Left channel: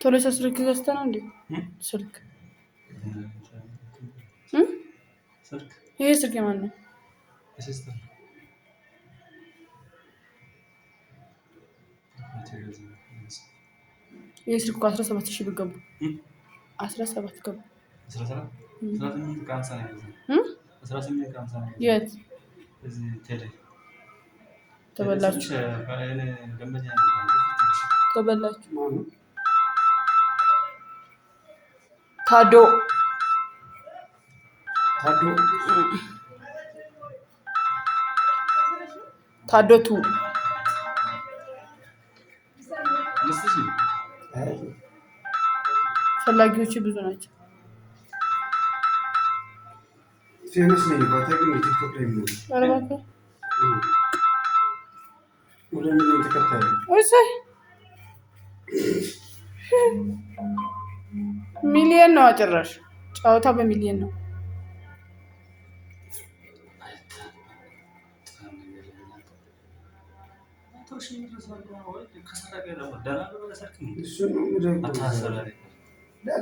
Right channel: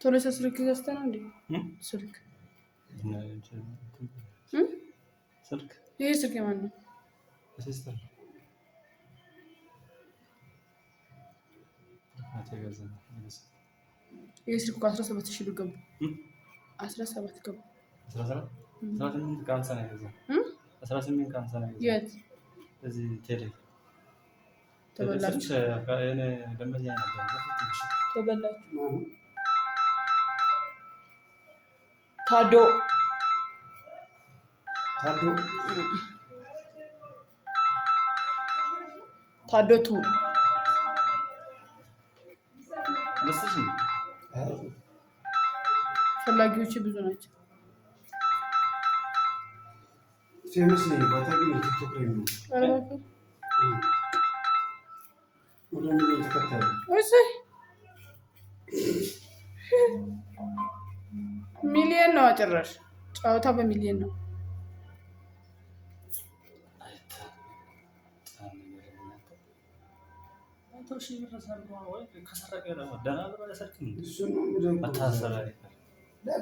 ቶሎ ስልክ ገዝተህ ነው እንዴ? ስልክ ይሄ ስልክ የማን ነው? ይሄ ስልክ 17,000 ብር ገባ። 17 ገባ። 18 የት ተበላችሁ? ታዶ ታዶቱ ፈላጊዎች ብዙ ናቸው። ፌመስ ነኝ ባታውቂም ቲክቶክ ላይ ነው። ሚሊየን ነው ጭራሽ ጨዋታ በሚሊየን ነው።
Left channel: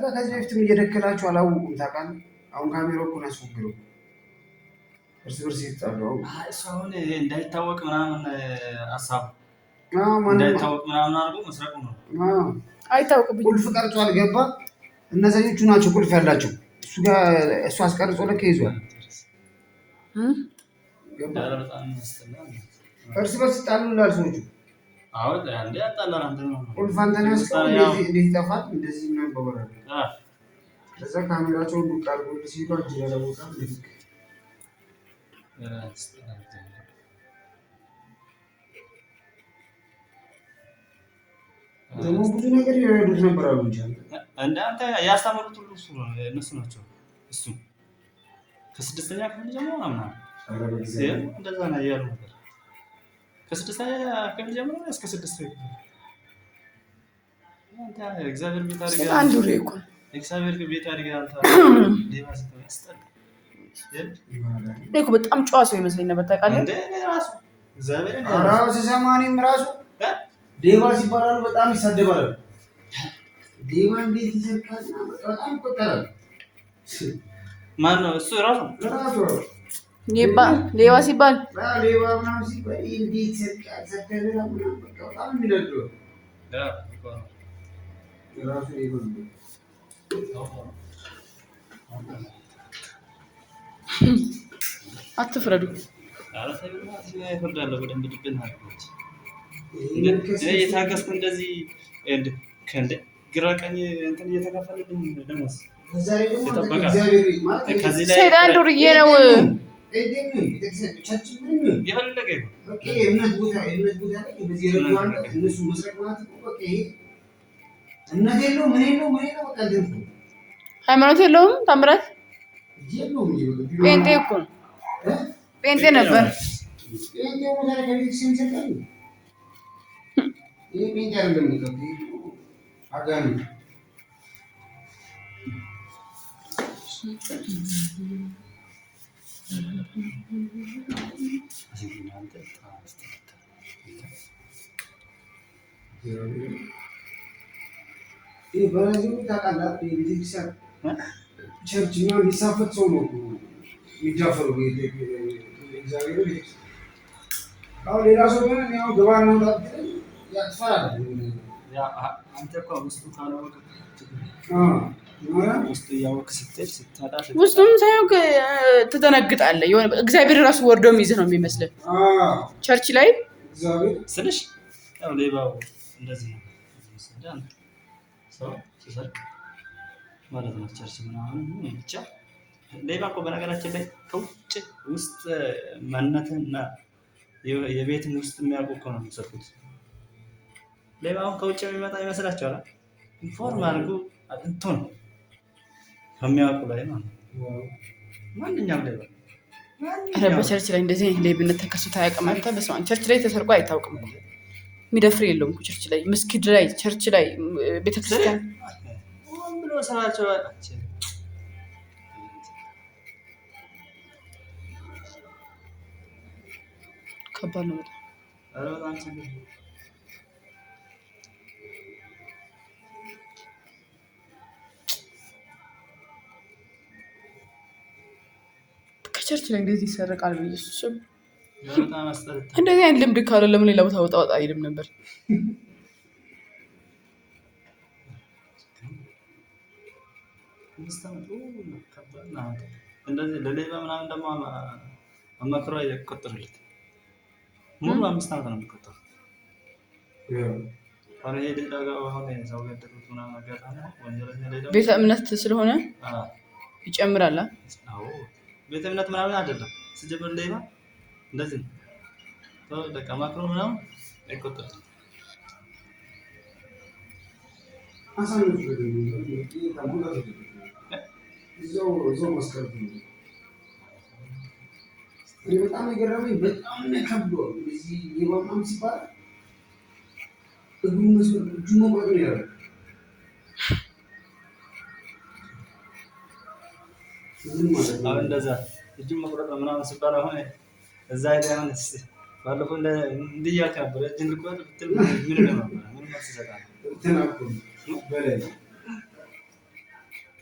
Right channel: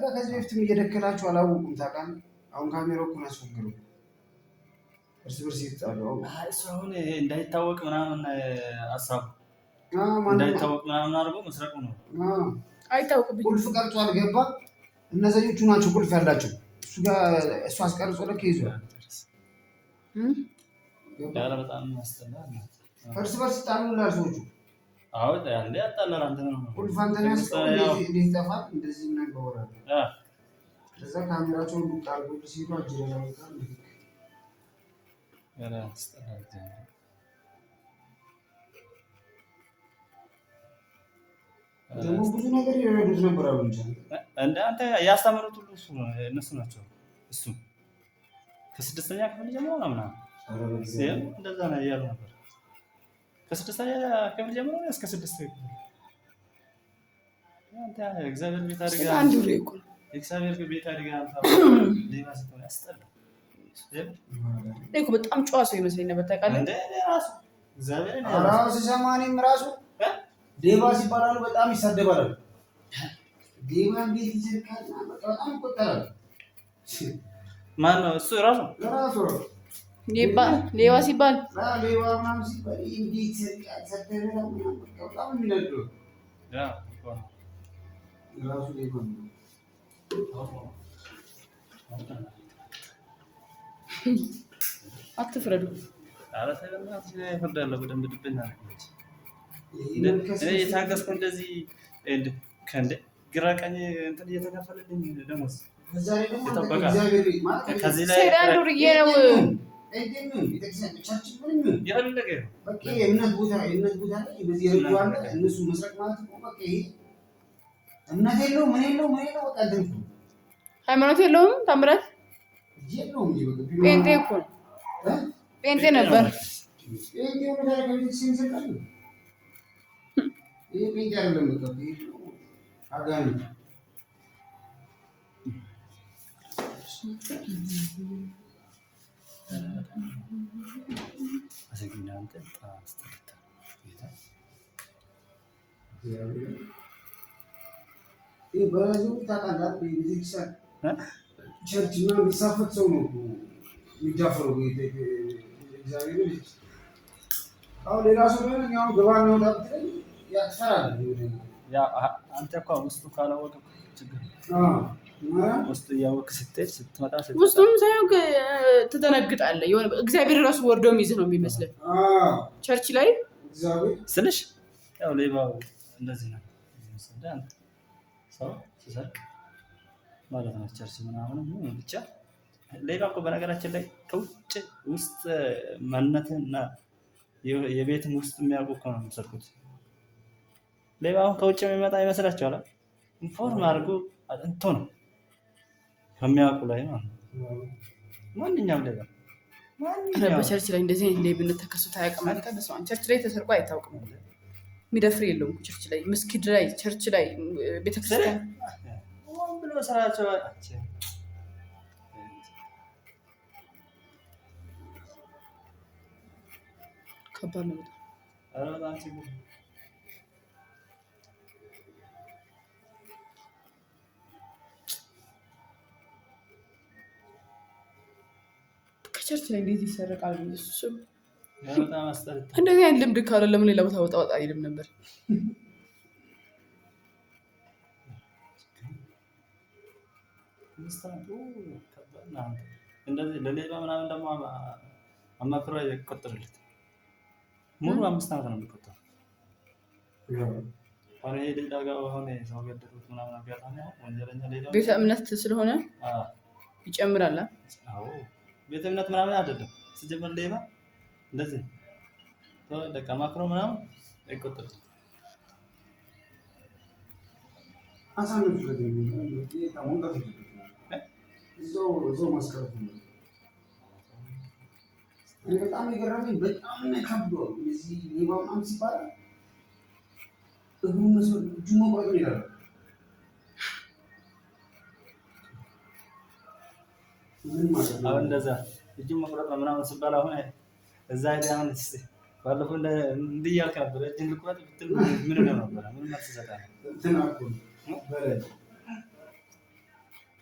ከዚህ በፊትም እየደከላችሁ አላወቁም ታውቃለህ። አሁን ካሜራው እኮ ነው ያስወግረው። እርስ በርስ ይጣሉ። አሁን እንዳይታወቅ ምናምን ሀሳብ እንዳይታወቅ ምናምን አድርጎ መስረቁ ነው። አይታወቅም። ቁልፍ ቀርጿል ገባ። እነዛኞቹ ናቸው ቁልፍ ያላቸው። እሱ ጋር እሱ አስቀርጾ ልክ ይዟል። እርስ በርስ ይጣሉላል ሰዎቹ። ቁልፍ አንተን ያስቀው እንዴት ይጠፋል? እንደዚህ ምናምን በወረደ ከዛ ካሜራቸውን ዱቅ አድርጎልህ ሲሉ እጅ ያለውቃል። ደግሞ ብዙ ነገር ይረዱት ነበር አሉ እንጂ አንተ ያስተምሩት ሁሉ እነሱ ናቸው። እሱ ከስድስተኛ ክፍል ጀምሮ ምናምን እንደዛ ነው ያሉ ነበር። ከስድስተኛ ክፍል ጀምሮ እስከ ስድስተኛ ክፍል አንተ እግዚአብሔር ቤት አድርገህ አንዱ ሬኮ እግዚአብሔር ቤት አድርገህ አንተ ዲቫስ ያስጠላ እኮ በጣም ጨዋ ሰው ይመስለኝ ነበር ታውቃለህ። እንደ ራሱ እግዚአብሔር ራሱ ሲሰማኝም ራሱ ዴቫ ሲባላሉ በጣም ይሳደባሉ። ዴቫ እንዴት ይሰርቃል? በጣም ይቆጣል። ማን ነው እሱ? ራሱ ሌባ ሲባል ሌባ ምናምን ሲባል እንዴት ይሰርቃል? ሰደበላ ምናምን በቃ በጣም የሚነደው ራሱ ሌባ ነው። አትፍረዱ። የታገስኩ እንደዚህ ግራ ቀኝ እንትን እየተከፈለልኝ ደሞዝ ሰይጣን ዱርዬ ነው። የፈለገ ሃይማኖት የለውም። ታምራት ጴንጤ እኮ ነው። ጴንጤ ነበር። ቸርች እና የሚሳፈት ሰው ነው የሚዳፈረው። አሁን ሌላ ሰው ሆነ ያው ገባና ያጥፋል። አንተ እኮ ውስጡ ካላወቀ ውስጡ እያወቅህ ስትሄድ ስትመጣ ውስጡም ሳይሆን ትደነግጣለህ። የሆነ እግዚአብሔር ራሱ ወርዶ የሚይዝህ ነው የሚመስልህ። ቸርች ላይ ስልሽ ያው ሌባው እንደዚህ ነው ሰው ሲሰርቅ ማለት ነው። ቸርች ምናምን ብቻ ሌባ እኮ በነገራችን ላይ ከውጭ ውስጥ ማንነትህና የቤትም ውስጥ የሚያውቁ እኮ ነው የሚሰርቁት። ሌባውን ከውጭ የሚመጣ ይመስላችኋል? ኢንፎርም አድርጎ አጥንቶ ነው ከሚያውቁ ላይ ማለት ነው። ማንኛውም ሌባ በቸርች ላይ እንደዚህ አይነት ሌብነት ተከስቶ አያውቅም። አንተ በስመ አብ ቸርች ላይ ተሰርቆ አይታወቅም። የሚደፍር የለውም እኮ ቸርች ላይ፣ መስጊድ ላይ፣ ቸርች ላይ፣ ቤተክርስቲያን ብሎ ስራቸው ከባድ ነው በጣም ችግር። ከቸርች ላይ እንደዚህ ይሰረቃል። ኢየሱስ በጣም አስጠልታ። እንደዚህ አይነት ልምድ ካለ ለምን ሌላ ቦታ ወጣ አይልም ነበር? እንደዚህ ለሌባ ምናምን ደግሞ አማክሮ አይቆጥርለት። ሙሉ 5 ዓመት ነው የሚቆጠረው። አሁን ይሄ ሌላ ጋር አሁን ሰው ገደሉት ምናምን አጋጣሚ ወንጀለኛ ሌላ ቤተ እምነት ስለሆነ ይጨምራል። አዎ ቤተ እምነት ምናምን አይደለም ሲጀመር ሌባ እንደዚህ ነው። በቃ አማክሮ ምናምን አይቆጥርም። አሳልፍ እዛው ማስቀረት ነው። በጣም የገረመኝ በጣም ከብዷል። እዚህ ሌባ ምናምን ሲባል እጁን መቁረጥ ነው ያለው። አሁን እንደዛ እጁን መቁረጥ ምናምን ሲባል አሁን እዛ ሄደህ አሁን እስኪ ባለፈው እንዲህ እያልክ ነበር እጅን ልቁረጥ ብትል ምን ነበር? ምን መልስ ትሰጣለህ? እንትን እኮ በላይ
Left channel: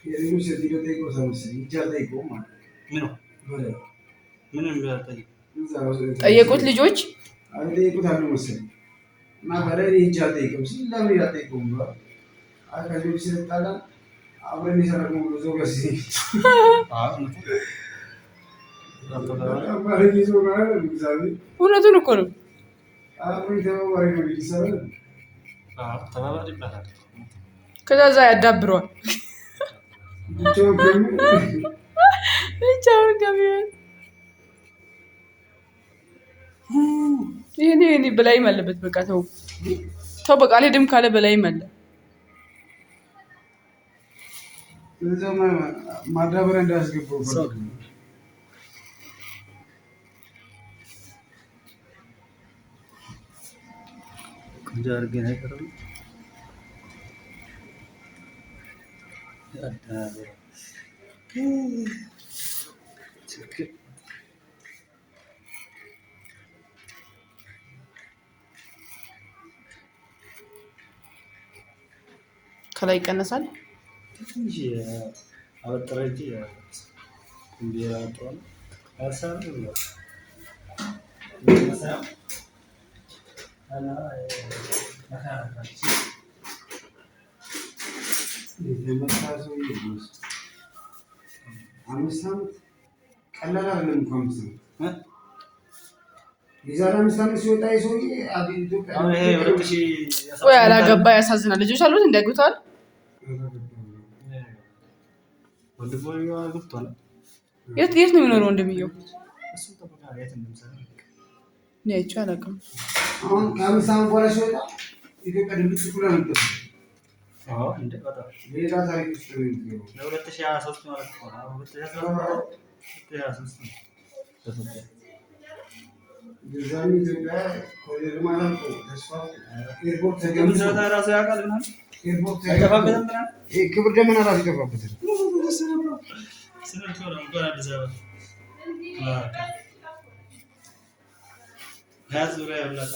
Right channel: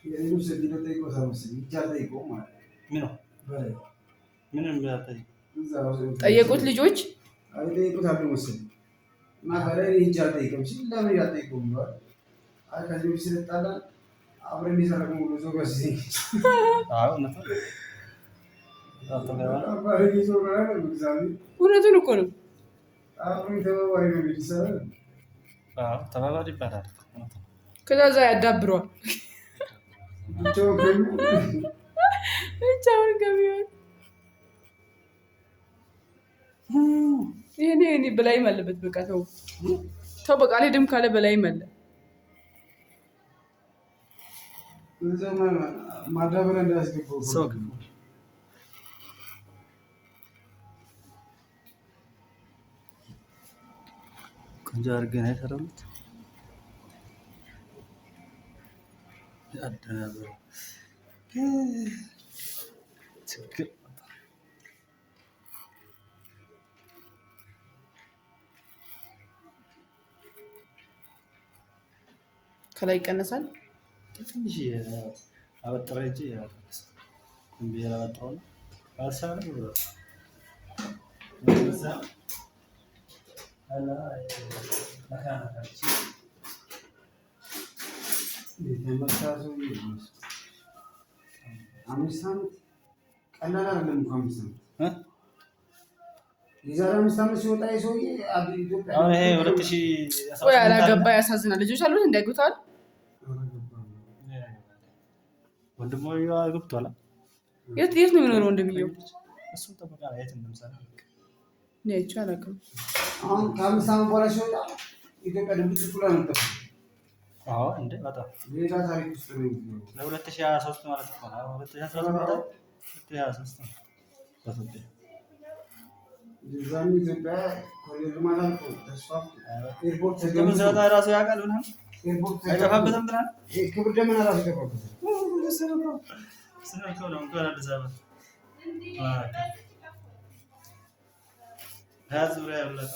የሌሎች ሴትዮ ጠይቆታል መሰለኝ እጅ አልጠይቀውም ማለት ነው። በላይ ምንም ጠየቁት ልጆች ጠይቁት አሉ መሰለኝ እና በላይ እጅ አልጠይቅም ሲል ለምን አልጠይቀውም ብለዋል። ከዚህ በፊት ስለጣላን አብረን የሰራነው ብሎ ሰው ጋር ሲል እውነቱን እኮ ነው። ተባባሪ ይባላል። ከዛ እዛ ያዳብረዋል ብቻውን ከሚሆን ይሄኔ በላይም አለበት። በቃ ተው በቃ አልሄድም ካለ በላይም አለ። ማዳበሪያ እንዳያስገባው ቆንጆ አድርገን አይቀርም አዳበረ ችግር ከላይ ይቀነሳል። ትንሽ አበጥረ እንጂ እንዴ ያወጣው አሳብ ነው አላ ማካናታች የመሳሰሉ አምስት ዓመት ቀላል አይደለም እኮ 5 ዓመት የዛሬ 5 ዓመት ሲወጣ የሰውዬ ወይ አላገባ። ያሳዝናል። ልጆች አሉት እንዲያግብተዋል። የት ነው የሚኖረው? እንደሚየው እኔ አላውቅም። አሁን ከ5 ዓመት በኋላ ሲወጣ ኢትዮጵያ ድምፅ ኩላ ነበር። አዎ እንደ በጣም ሌላ ታሪክ ውስጥ ነው የሚገባው። ለ2023 ማለት ነው። 2023 ነው። የዛኔ ኢትዮጵያ ኮሪደር ማለት ነው ተስፋው ኤርፖርት ተገምቶ ራሱ ያውቃል ምናምን ኤርፖርት አይከፋበትም ምናምን ክብር ደመና ራሱ ይገባበታል። ስነቸው ነው ጋር አዲስ አበባ ያዝ ዙሪያ ያብላታ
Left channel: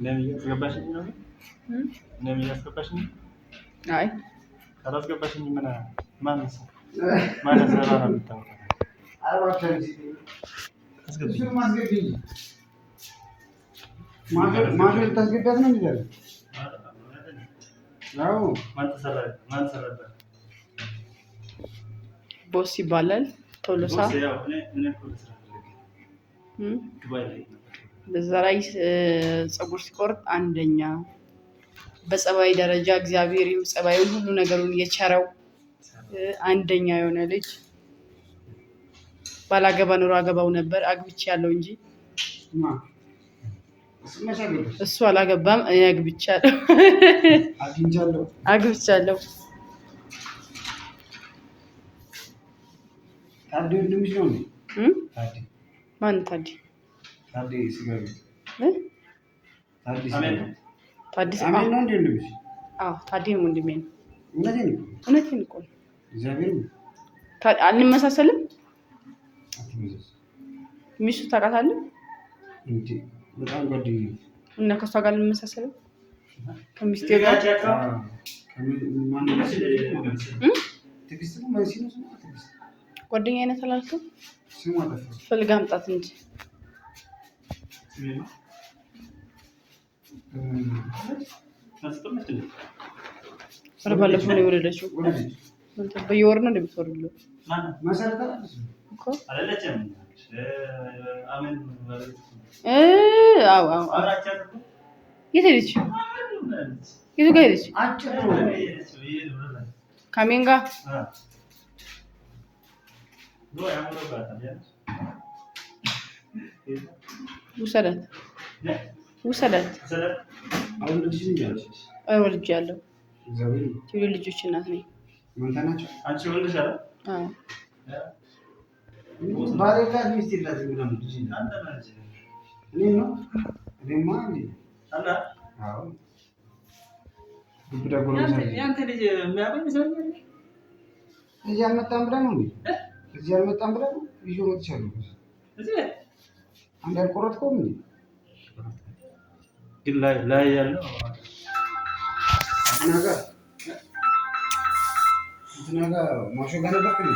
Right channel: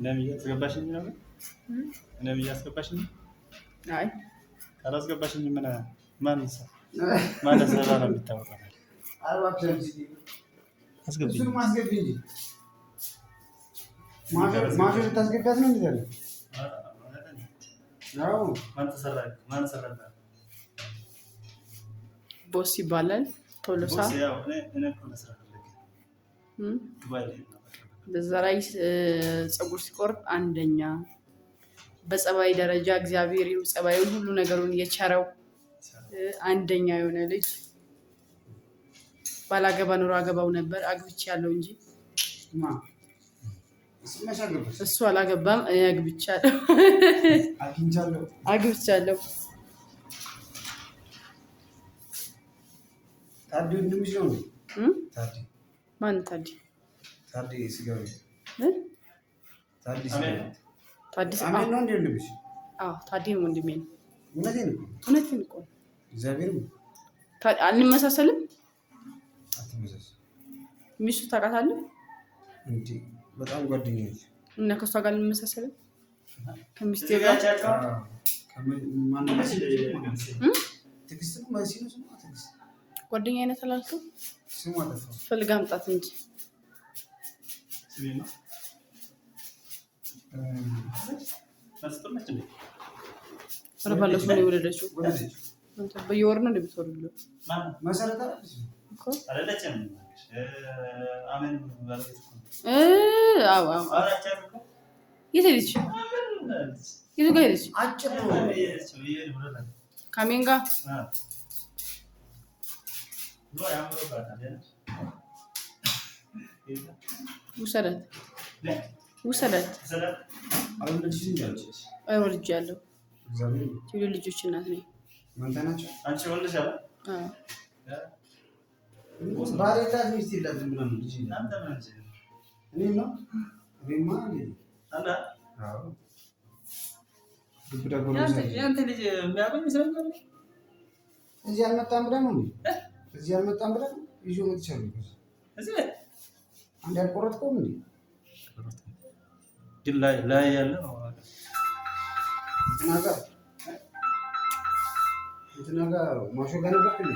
እኔም እያስገባሽኝ ነው። እኔም እያስገባሽኝ አይ ካላስገባሽኝ ምን ማን ሰራ ነው የሚታወቀው? አርባቻን አስገብኝ ማሾ ልታስገባት ነው እንዴ? አዎ ማን ሰራበት? ቦስ ይባላል ቶሎሳ። በዛ ላይ ፀጉር ሲቆርጥ አንደኛ፣ በጸባይ ደረጃ እግዚአብሔር ጸባዩን ሁሉ ነገሩን የቸረው አንደኛ የሆነ ልጅ። ባላገባ ኑሮ አገባው ነበር፣ አግብቼ ያለው እንጂ እሱ አላገባም። እኔ አግብቻለሁ። ታዲ ወንድምሽ ነው እንዴ? ታዲ ማን ታዲ? ታዲ ሲገርም ታዲ አሜን ነው እንዴ ወንድምሽ? አዎ ታዲ ወንድሜ ነው። እውነቴን እኮ እግዚአብሔር አንመሳሰልም። አትመሳሰል። ሚስቱ ታውቃታለህ እንዴ? በጣም ጓደኛዬ እና ከሷ ጋር ልንመሳሰልም ከሚስቴ ጋር ጓደኛ አይነት አላልኩም። ፈልጋ አምጣት እንጂ ባለፈው ነው የወለደችው። በየወር ነው እንደምትወልደው መሰረተ የት ሄደች? የቱ ጋር ሄደች? ካሜን ጋር ውሰዳት። ወልጃለሁ። የሁለት ልጆች እናት ነኝ። እዚህ አልመጣም ብለህ ነው እንዴ? እዚህ አልመጣም ብለህ ነው? ይዤው መጥቻለሁ። አንድ አልቆረጥከውም እንዴ? ግን ላይ ያለው እንትና ጋር ማሾ ጋር ነበርክ እንዴ?